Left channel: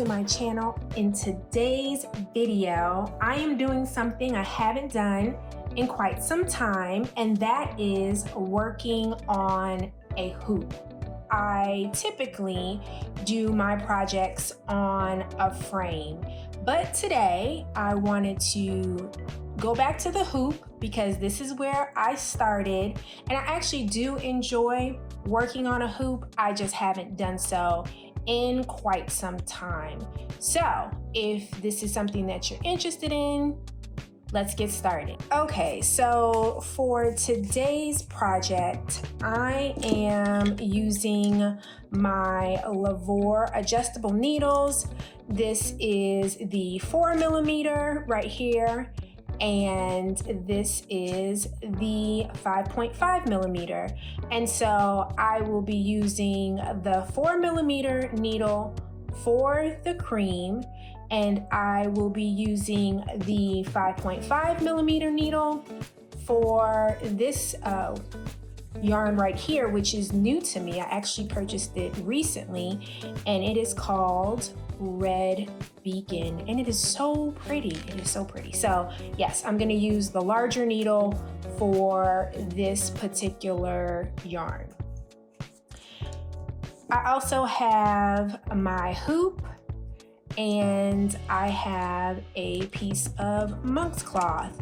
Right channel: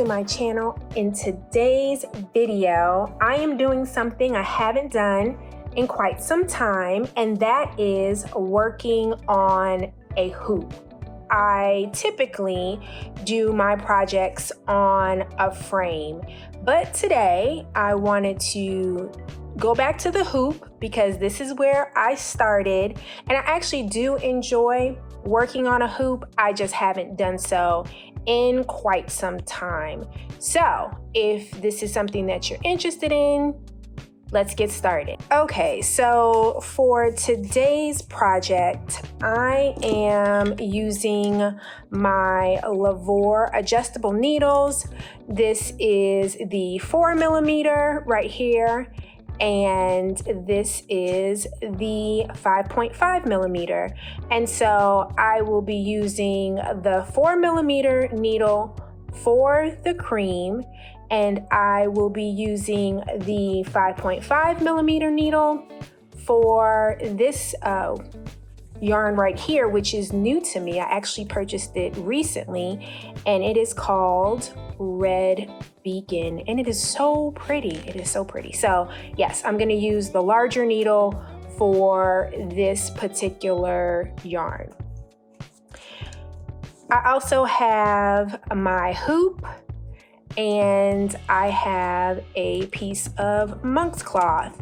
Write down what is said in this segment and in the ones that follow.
to my channel. In today's video, I am doing something I haven't done in quite some time, and that is working on a hoop. I typically do my projects on a frame, but today I wanted to go back to the hoop because this is where I started, and I actually do enjoy working on a hoop. I just haven't done so in quite some time. So if this is something that you're interested in, let's get started. Okay, so for today's project, I am using my Lavore adjustable needles. This is the 4mm right here, and this is the 5.5mm. And so I will be using the 4mm needle for the cream, and I will be using the 5.5mm needle for this yarn right here, which is new to me. I actually purchased it recently, and it is called Red Beacon, and it is so pretty. It is so pretty. So yes, I'm gonna use the larger needle for this particular yarn. I also have my hoop, and I have a piece of monk's cloth.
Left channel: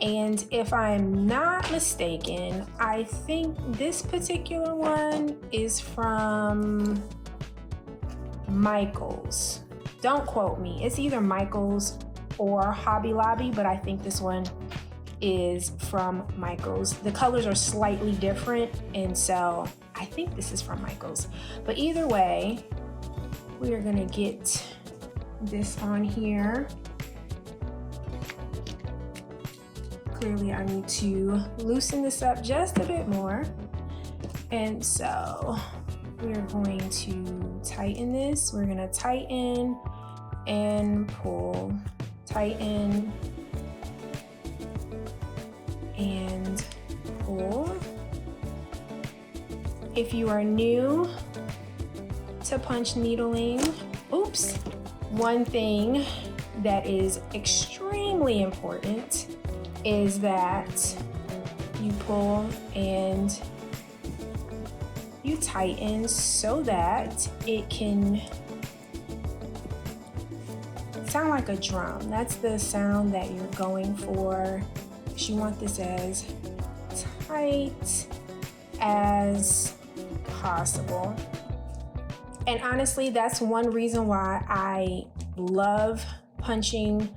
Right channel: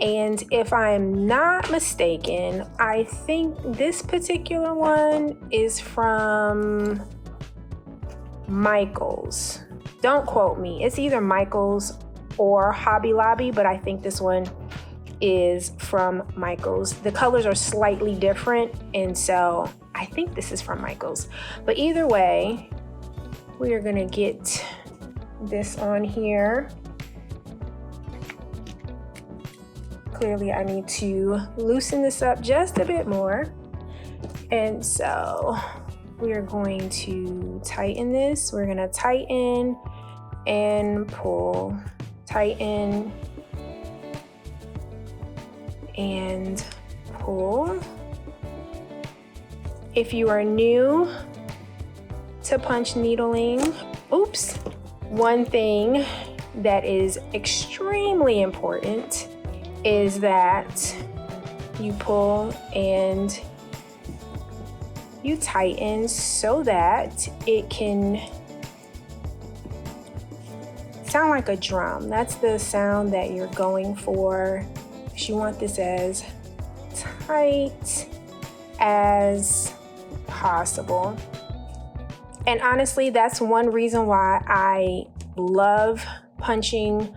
And if I'm not mistaken, I think this particular one is from Michael's. Don't quote me. It's either Michael's or Hobby Lobby, but I think this one is from Michael's. The colors are slightly different, and so I think this is from Michael's. But either way, we are gonna get this on here. Clearly I need to loosen this up just a bit more. And so we are going to tighten this. We're gonna tighten and pull, tighten and pull. If you are new to punch needling, one thing that is extremely important is that you pull and you tighten so that it can sound like a drum. That's the sound that you're going for. You want this as tight as possible. And honestly, that's one reason why I love punching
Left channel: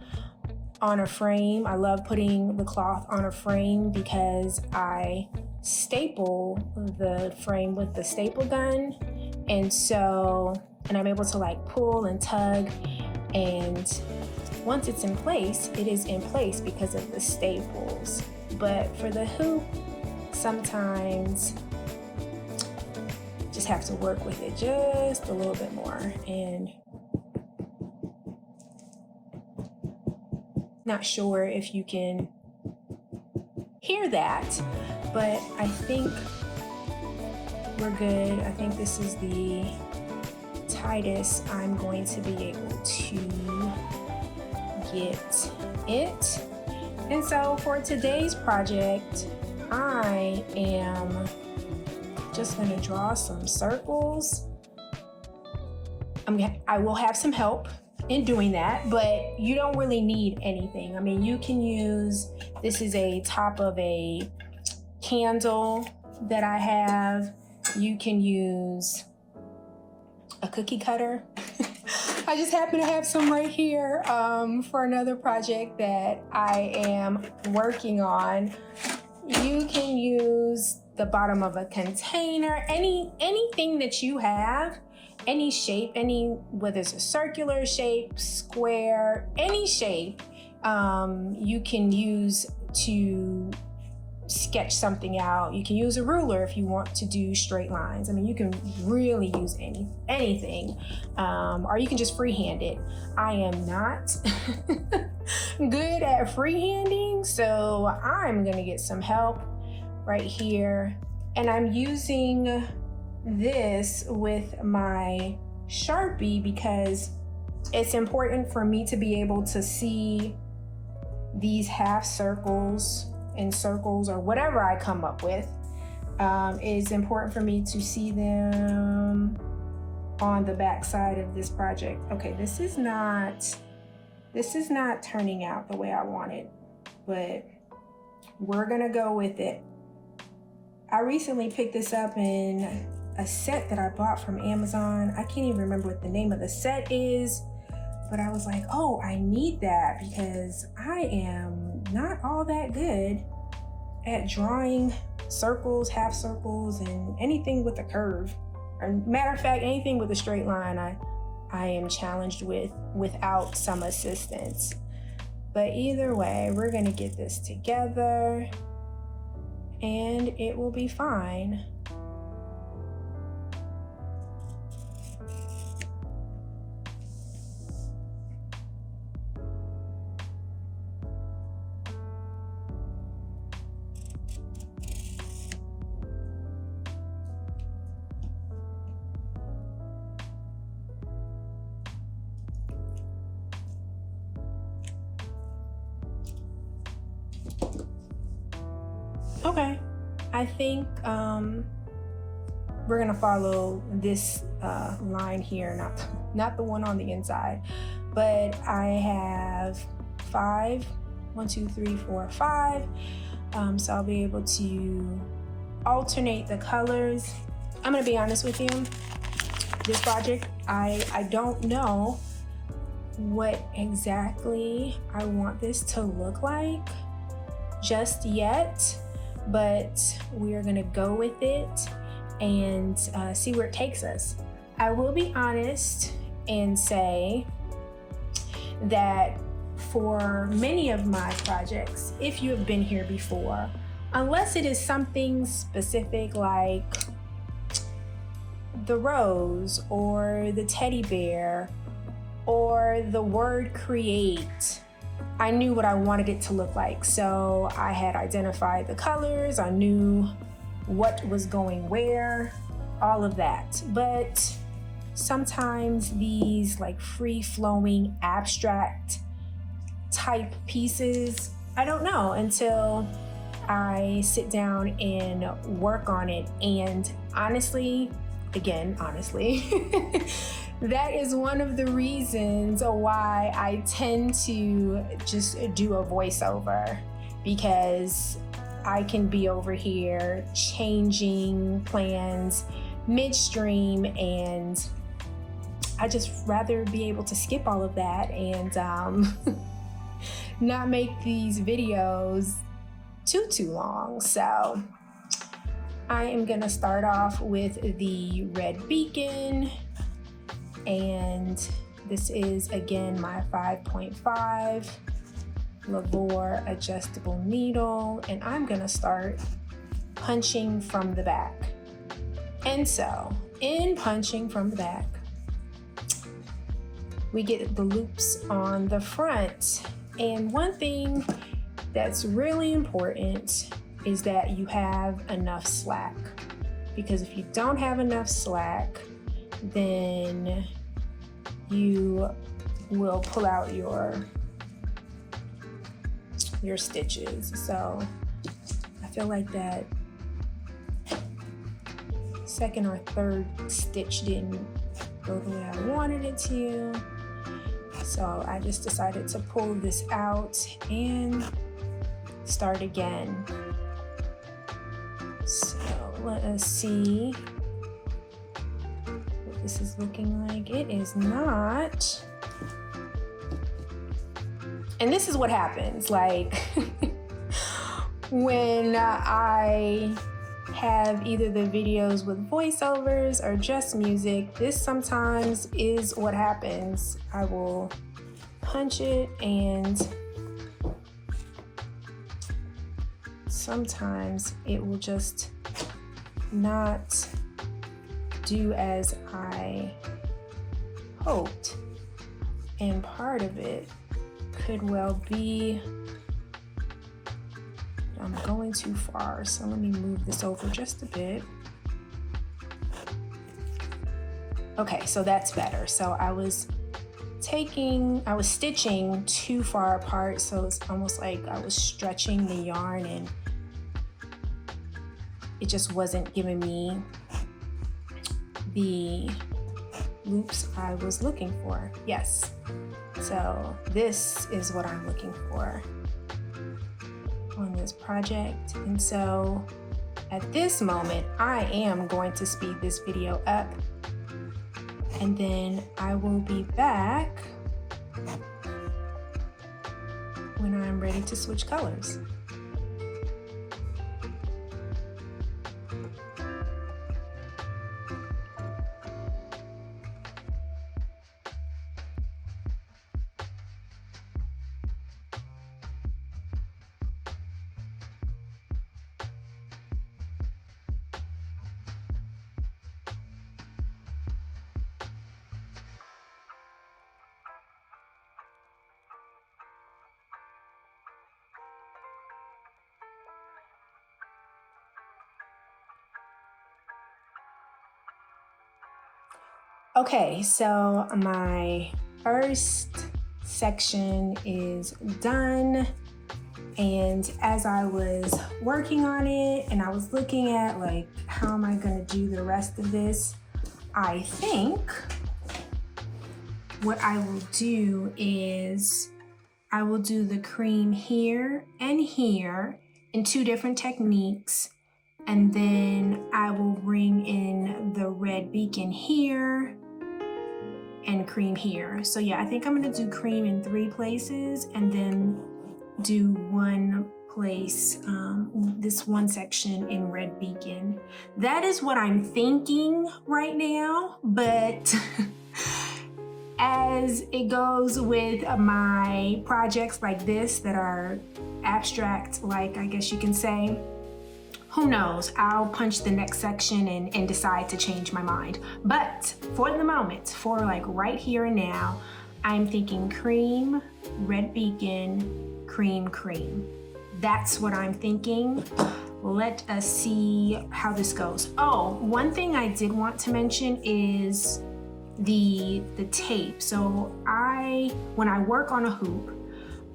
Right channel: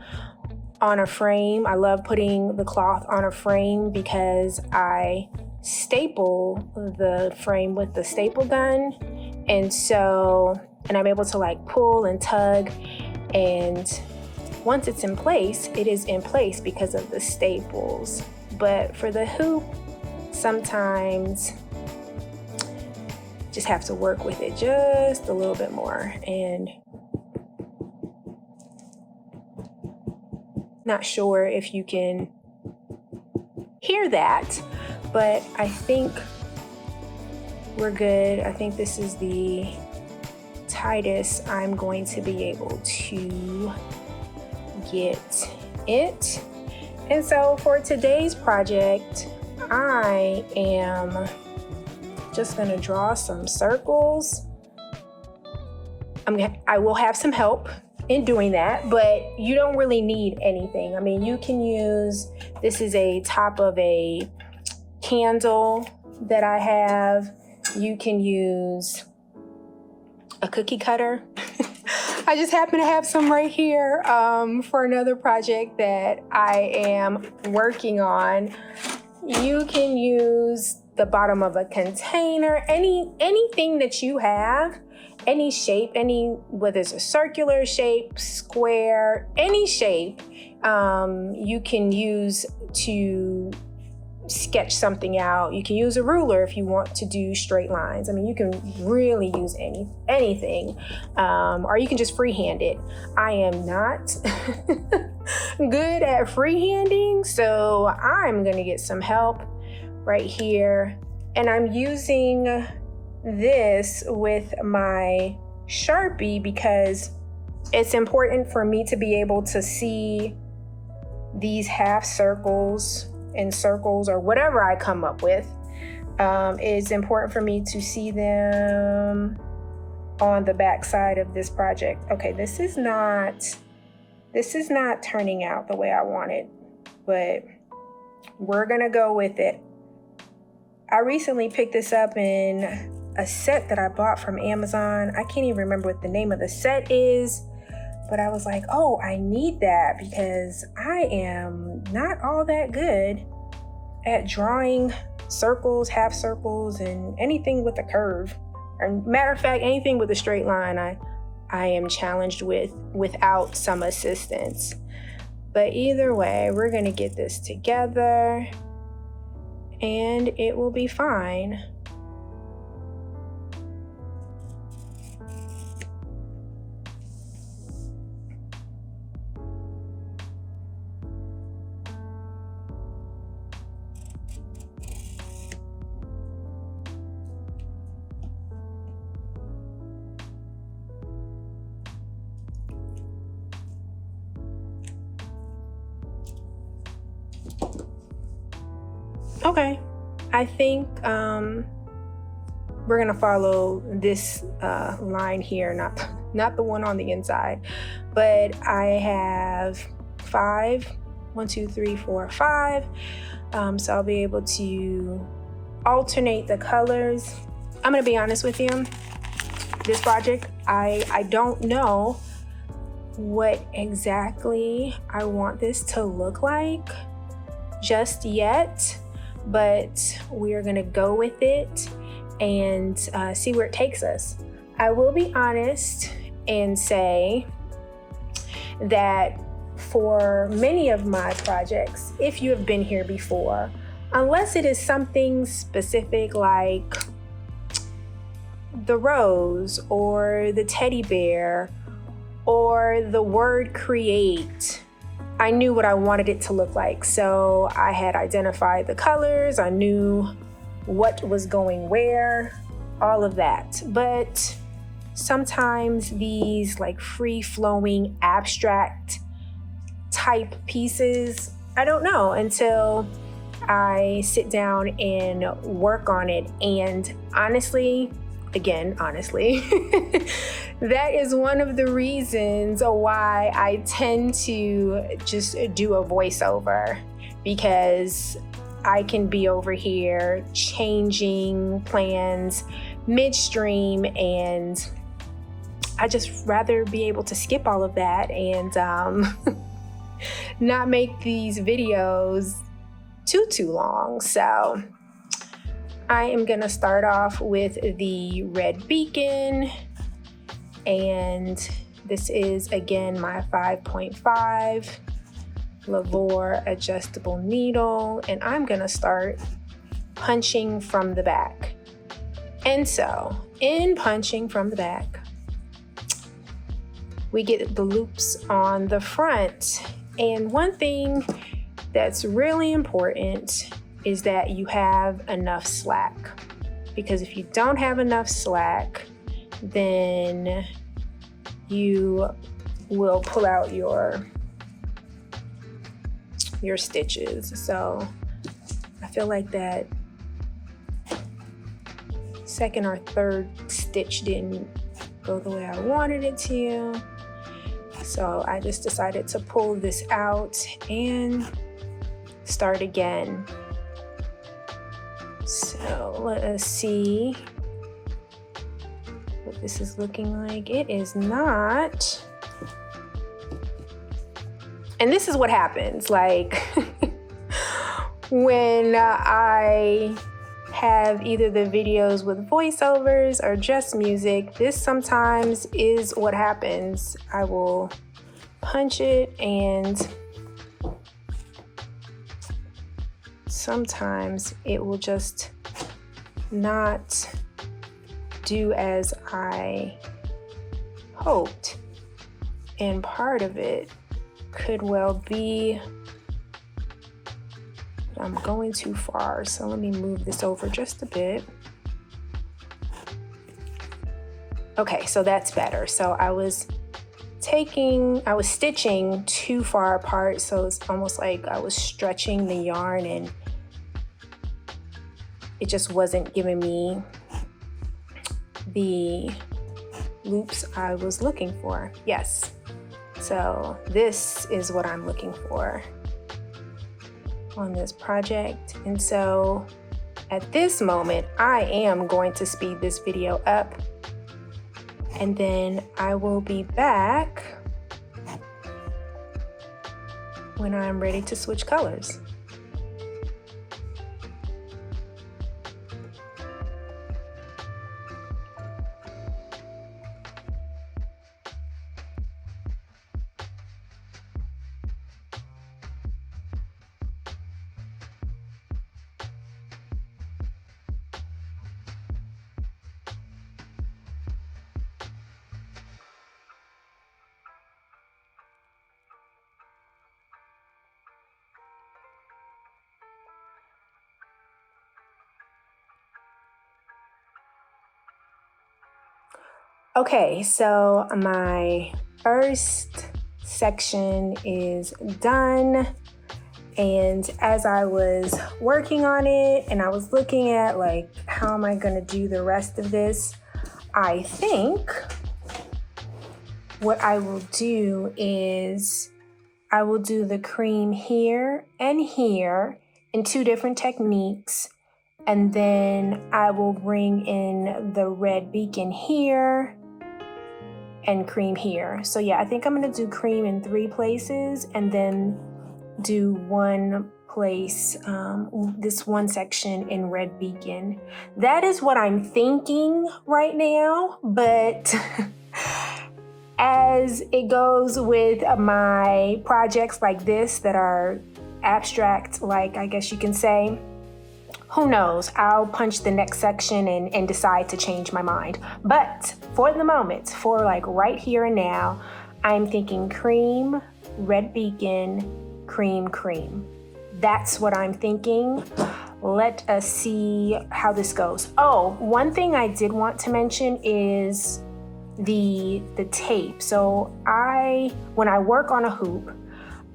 on a frame. I love putting the cloth on a frame because I staple the frame with the staple gun. And I'm able to like pull and tug, and once it's in place, it is in place because of the staples. But for the hoop, sometimes just have to work with it just a little bit more. And not sure if you can hear that, but I think we're good. I think this is the tightest I'm going to be able to get it. And so for today's project, I am just gonna draw some circles. I will have some help in doing that, but you don't really need anything. I mean, you can use, this is a top of a candle that I have. You can use a cookie cutter. I just happen to have some right here for another project that I am working on. You can use the bottom of a container, anything that you have, any shape, whether it's a circular shape, square, any shape, you can use to sketch something out. You can use a ruler if you want to do straight lines. I mean, you can really use anything, or you can just freehand it. I am not good at freehanding, so I'm gonna get some help right here. And I'm using this with my Sharpie because It's important for me to be able to see these half circles and circles or whatever I come up with. It's important for me to see them on the back side of this project. Okay, this is not turning out the way I wanted, but we're gonna go with it. I recently picked this up in a set that I bought from Amazon. I can't even remember what the name of the set is, but I was like, oh, I need that because I am not all that good at drawing circles, half circles, and anything with a curve. Or matter of fact, anything with a straight line, I am challenged with without some assistance. But either way, we're gonna get this together and it will be fine. Okay, I think we're gonna follow this line here, not the one on the inside, but I have 5, 1, 2, 3, 4, 5. So I'll be able to alternate the colors. I'm gonna be honest with you, this project, I don't know what exactly I want this to look like just yet, but we're gonna go with it and see where it takes us. I will be honest and say that for many of my projects, if you have been here before, unless it is something specific like the rose or the teddy bear or the word create, I knew what I wanted it to look like. So I had identified the colors, I knew what was going where, all of that. But sometimes these like free-flowing abstract type pieces, I don't know until I sit down and work on it. And honestly, that is one of the reasons why I tend to just do a voiceover, because I can be over here changing plans midstream, and I just rather be able to skip all of that and not make these videos too long. So I am gonna start off with the red beacon, and this is again my 5.5 Lavore adjustable needle, and I'm gonna start punching from the back. And so in punching from the back, we get the loops on the front. And one thing that's really important is that you have enough slack, because if you don't have enough slack, then you will pull out your stitches. So I feel like that second or third stitch didn't go the way I wanted it to. So I just decided to pull this out and start again. So let us see what this is looking like. It is not. And this is what happens, like when I have either the videos with voiceovers or just music, this sometimes is what happens. I will punch it and sometimes it will just not do as I hoped. And part of it could well be I'm going too far. So let me move this over just a bit. Okay, so that's better. So I was was stitching too far apart, so it's almost like I was stretching the yarn and it just wasn't giving me the loops I was looking for. Yes, so this is what I'm looking for on this project. And so at this moment, I am going to speed this video up, and then I will be back when I'm ready to switch colors. Okay, so my first section is done, and as I was working on it and I was looking at like, how am I gonna do the rest of this? I think what I will do is I will do the cream here and here in two different techniques, and then I will bring in the red beacon here and cream here. So yeah, I think I'm gonna do cream in 3 places and then do one place, this one section in red beacon. That is what I'm thinking right now, but as it goes with my projects like this that are abstract, like I guess you can say, who knows? I'll punch the next section and decide to change my mind. But for the moment, for like right here and now, I'm thinking cream, red beacon, cream, cream. That's what I'm thinking. Let us see how this goes. Oh, one thing I did want to mention is the tape. So when I work on a hoop,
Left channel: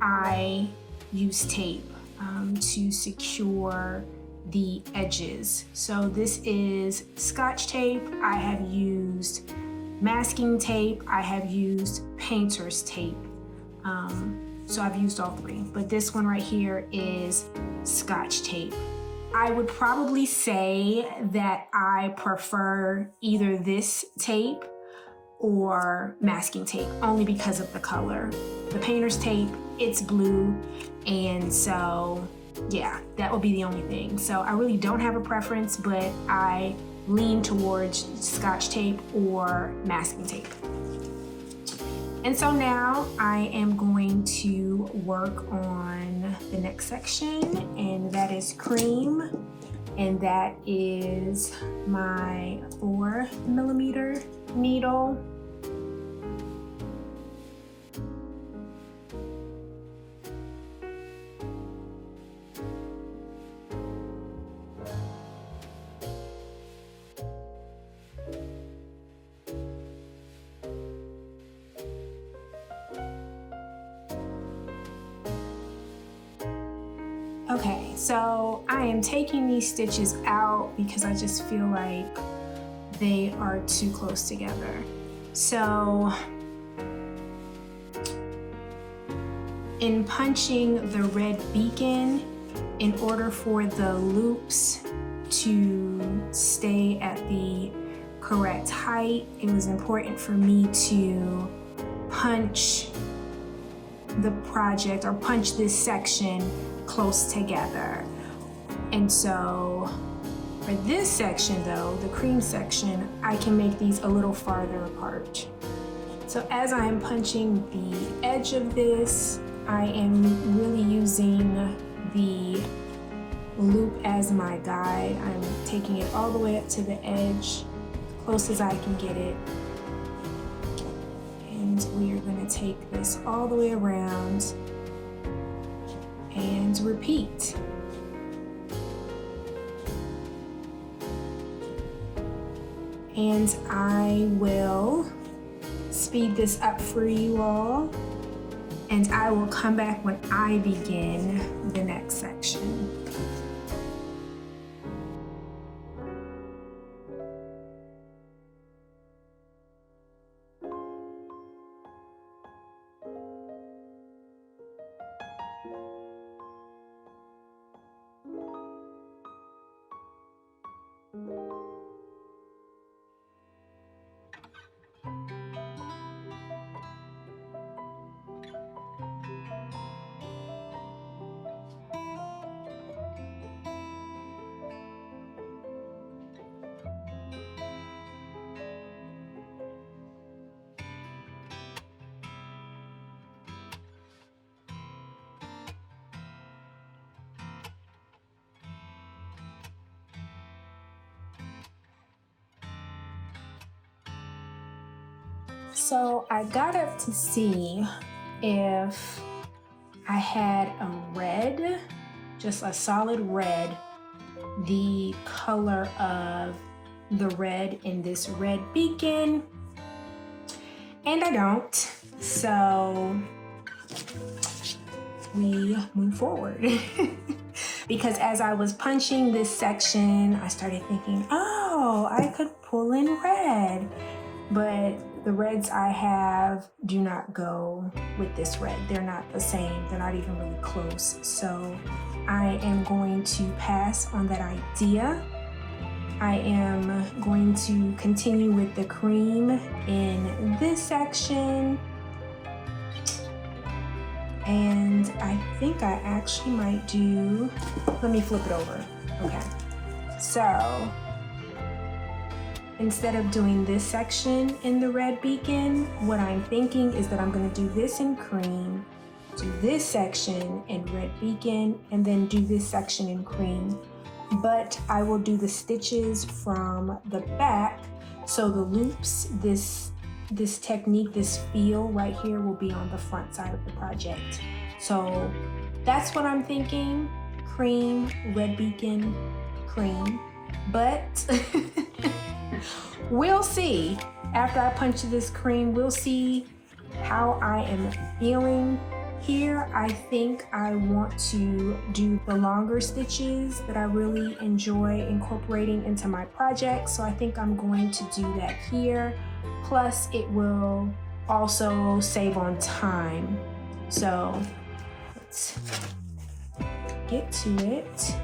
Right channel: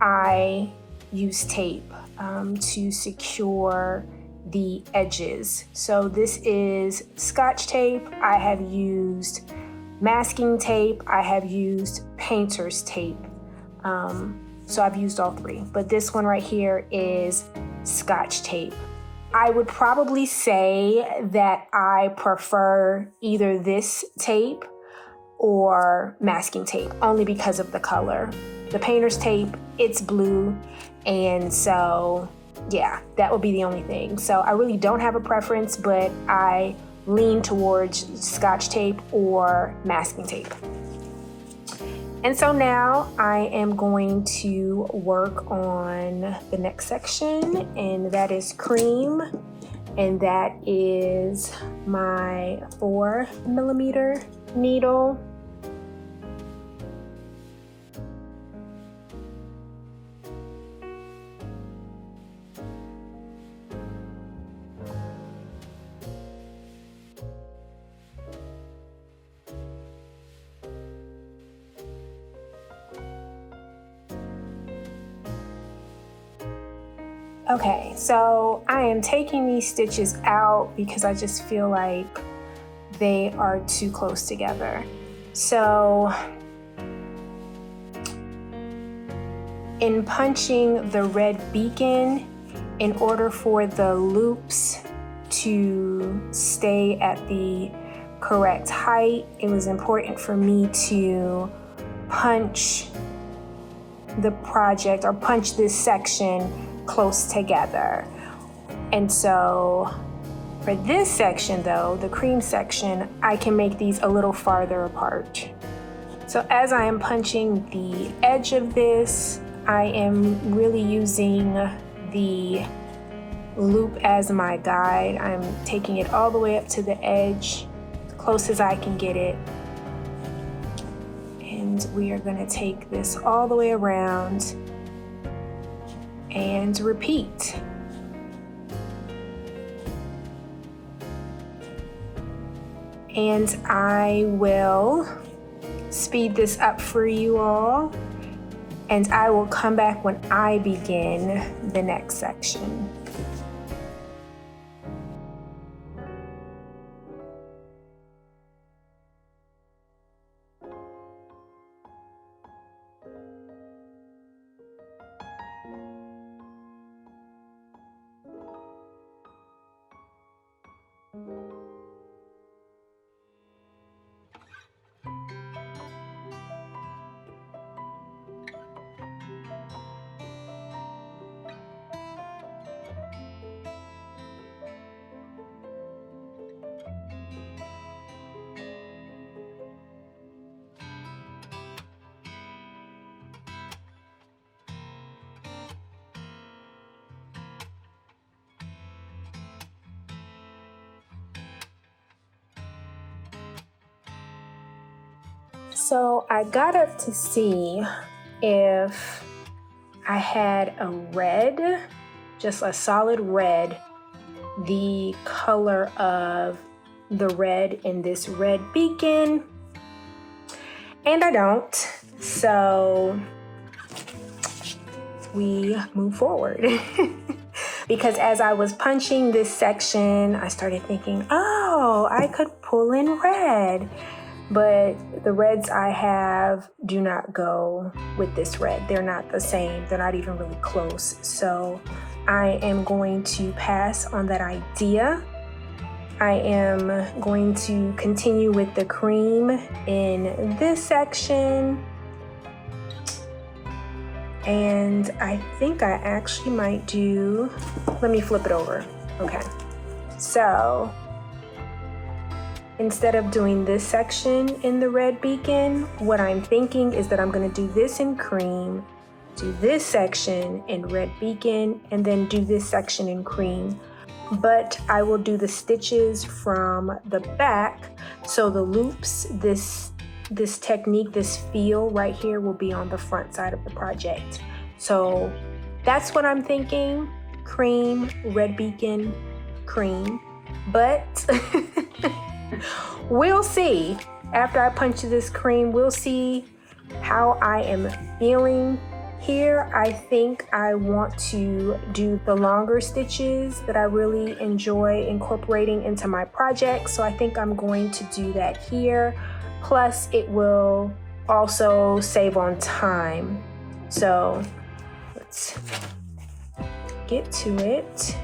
I use tape to secure the edges. So this is Scotch tape. I have used masking tape. I have used painter's tape. So I've used all 3, but this one right here is Scotch tape. I would probably say that I prefer either this tape or masking tape, only because of the color. The painter's tape, it's blue, and so yeah, that would be the only thing. So I really don't have a preference, but I lean towards Scotch tape or masking tape. And so now I am going to work on the next section, and that is cream, and that is my 4mm needle. Okay, so I am taking these stitches out because I just feel like they are too close together. So in punching the red beacon, in order for the loops to stay at the correct height, it was important for me to punch the project or punch this section close together. And so for this section though, the cream section, I can make these a little farther apart. So as I am punching the edge of this, I am really using the loop as my guide. I'm taking it all the way up to the edge, as close as I can get it. And we are going to take this all the way around and repeat. And I will speed this up for you all, and I will come back when I begin the next section. So I got up to see if I had a red, just a solid red, the color of the red in this red beacon, and I don't. So we move forward. Because as I was punching this section, I started thinking, oh, I could pull in red. But the reds I have do not go with this red. They're not the same. They're not even really close. So I am going to pass on that idea. I am going to continue with the cream in this section. And I think I actually might do, let me flip it over. Okay. So instead of doing this section in the red beacon, what I'm thinking is that I'm going to do this in cream, do this section in red beacon, and then do this section in cream. But I will do the stitches from the back, so the loops, this technique, this feel right here will be on the front side of the project. So that's what I'm thinking. Cream, red beacon, cream. But we'll see. After I punch this cream, we'll see how I am feeling. Here, I think I want to do the longer stitches that I really enjoy incorporating into my project. So I think I'm going to do that here. Plus, it will also save on time. So let's get to it.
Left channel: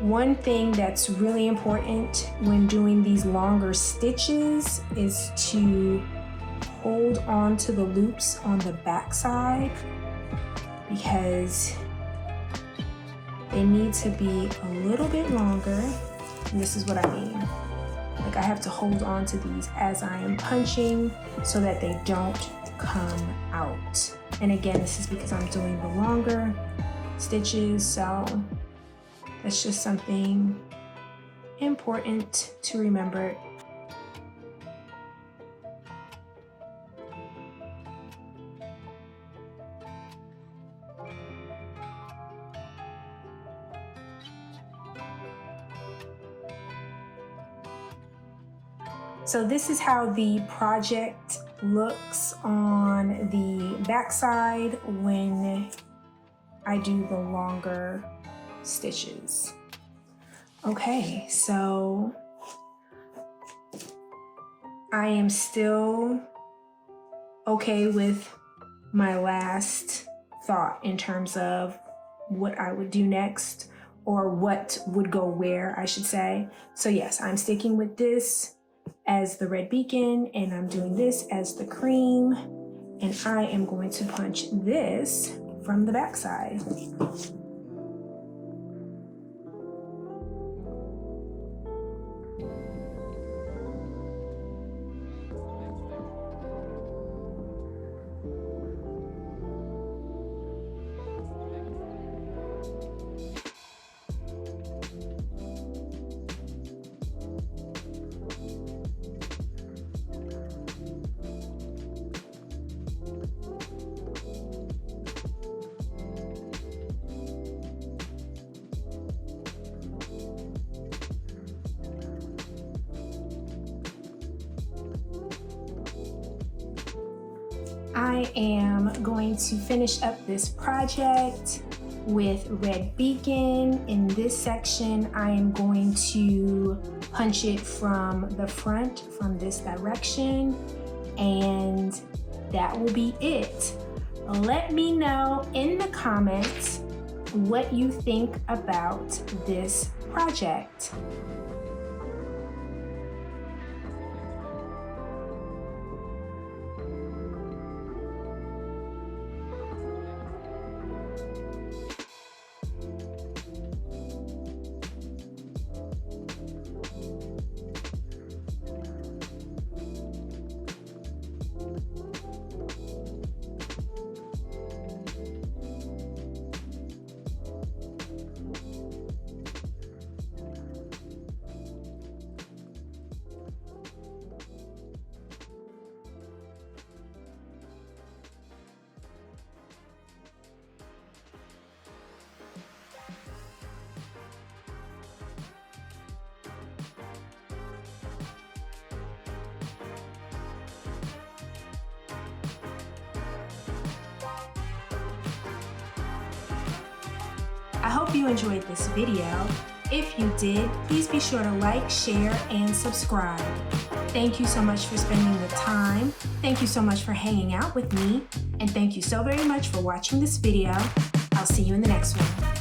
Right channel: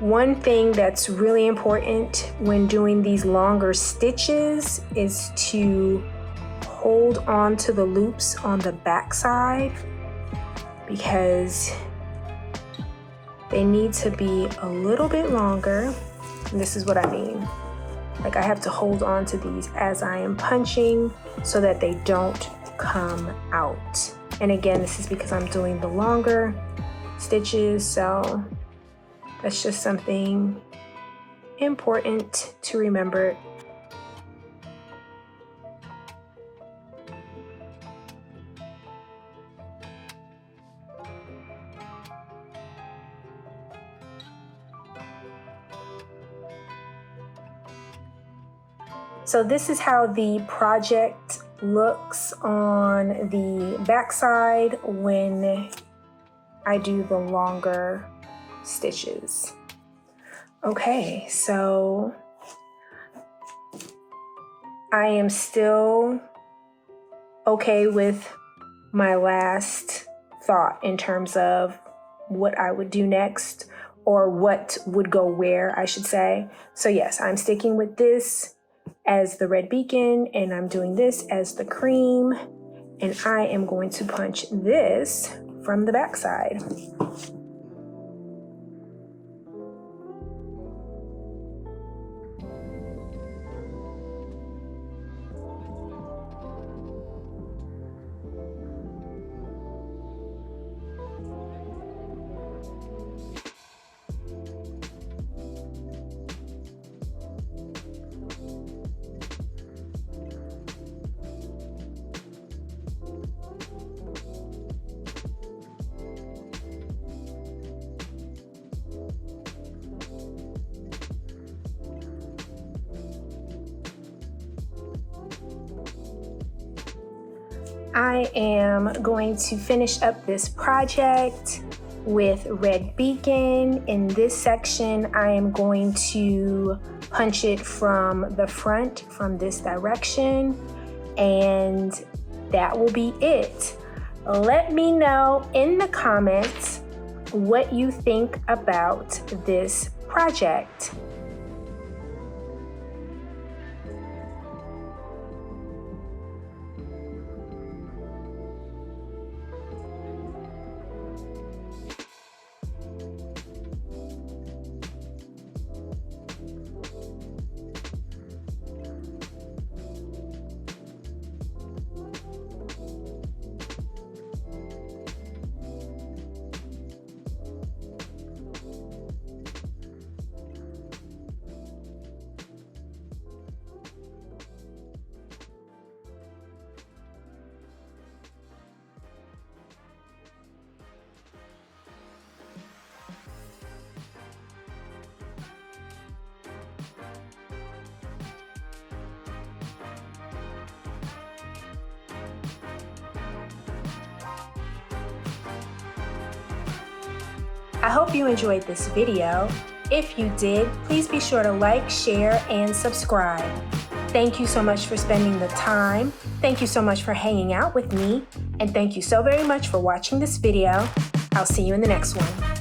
One thing that's really important when doing these longer stitches is to hold on to the loops on the back side, because they need to be a little bit longer. And this is what I mean. Like, I have to hold on to these as I am punching so that they don't come out. And again, this is because I'm doing the longer stitches, so that's just something important to remember. So this is how the project looks on the backside when I do the longer stitches. Okay, so I am still okay with my last thought in terms of what I would do next, or what would go where, I should say. So yes, I'm sticking with this as the red beacon, and I'm doing this as the cream, and I am going to punch this from the backside. I am going to finish up this project with red beacon. In this section, I am going to punch it from the front, from this direction, and that will be it. Let me know in the comments what you think about this project. I hope you enjoyed this video. If you did, please be sure to like, share, and subscribe. Thank you so much for spending the time. Thank you so much for hanging out with me. And thank you so very much for watching this video. I'll see you in the next one.